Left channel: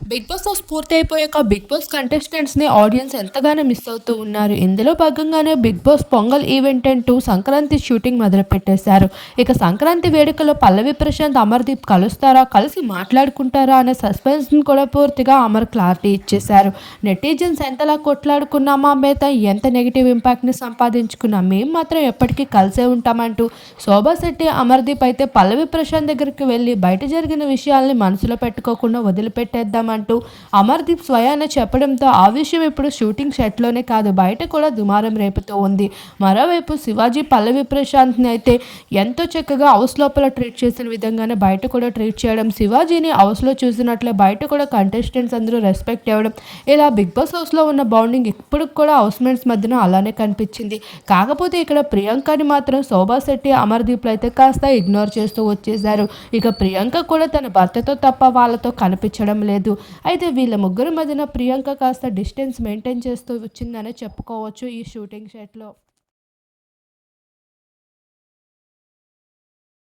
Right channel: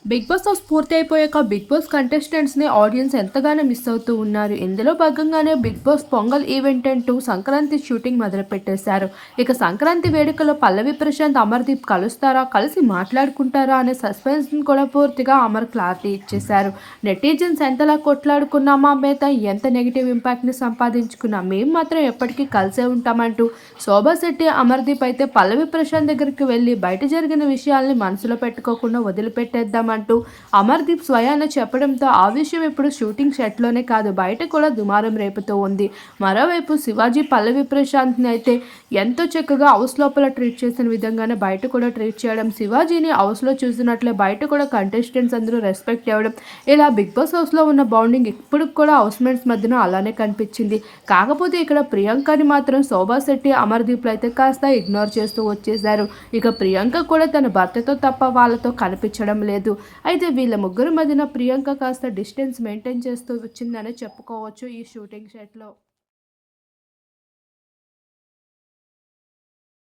Big boss house పూర్తి అయిపోయాక big boss కంటెస్టెంట్స్ని ఆడియన్స్ ఎంతగానో మిస్ అవుతూ ఉన్నారు. ఇందులో భాగంగానే బిగ్ బాస్ పొంగల్ ఈవెంట్ అంటూ సంక్రాంతి షూటింగ్ మొదలుపెట్టేశారు. ఇక సంక్రాంతి వేడుకలో పల్లవి ప్రశాంత్ అమర్దీప్ కలుస్తారా కలిసి మాట్లాడుకుంటారా అనే సస్పెన్స్ని కూడా పూర్తిగా అమర్ క్లారిటీ ఇచ్చేశారు. నెటిజన్స్ ఎంతలా కొట్లాడుకున్నామా మీద ఎంత నెగిటివ్ ఇంపాక్ట్ని సంపాదించుకున్నా? మేము మాత్రం ఎప్పటికీ కలిసే ఉంటామంటూ శోభా శెట్టి అమర్దీప్ అయితే పల్లవి ప్రశాంత్ దగ్గరికి వెళ్ళి బయట జరిగిన విషయాల్ని మనసులో పెట్టుకోకుండా వదిలిపెట్టేద్దాం అంటూ అమర్దీప్ స్వయాన చెప్పడంతో ఆ విషయం ఇప్పుడు షూటింగ్ సెట్లోనే కాదు బయట కూడా దుమారం రేపుతూ ఉంది. మరోవైపు శివాజీ పల్లవి ప్రశాంత్ని అయితే ఎంతో చక్కగా హౌస్ లోపల ట్రీట్ చేసిన విధంగానే బయట కూడా ట్రీట్ చేయడం శివాజీని హౌస్లో చూసినట్లే బయట కూడా కంటెస్టెంట్స్ అందరూ రెస్పెక్ట్ ఇవ్వడం ఇలా బిగ్ బాస్ హౌస్లో ఉన్న బౌండింగ్ ఇప్పుడు కూడా హౌస్ మేట్స్ మధ్యన అలానే కనిపించింది. కాకపోతే ఇక్కడ ప్రియాంకని మాత్రం శోభా శెట్టి అమర్దీప్లు అయితే కాస్త ఇగ్నోర్ చేస్తూ వచ్చేశారు. ఇక ప్రియాంక కూడా తన భర్తతో తప్ప వాళ్ళతో కనిపించడం లేదు. అయితే వీళ్ళ ముగ్గురు మధ్యన ప్రియాంక కాస్త డిస్టెన్స్ మెయింటైన్ చేస్తూ వచ్చిందనే చెప్పుకోవచ్చు ఈ షూటింగ్ సెట్లో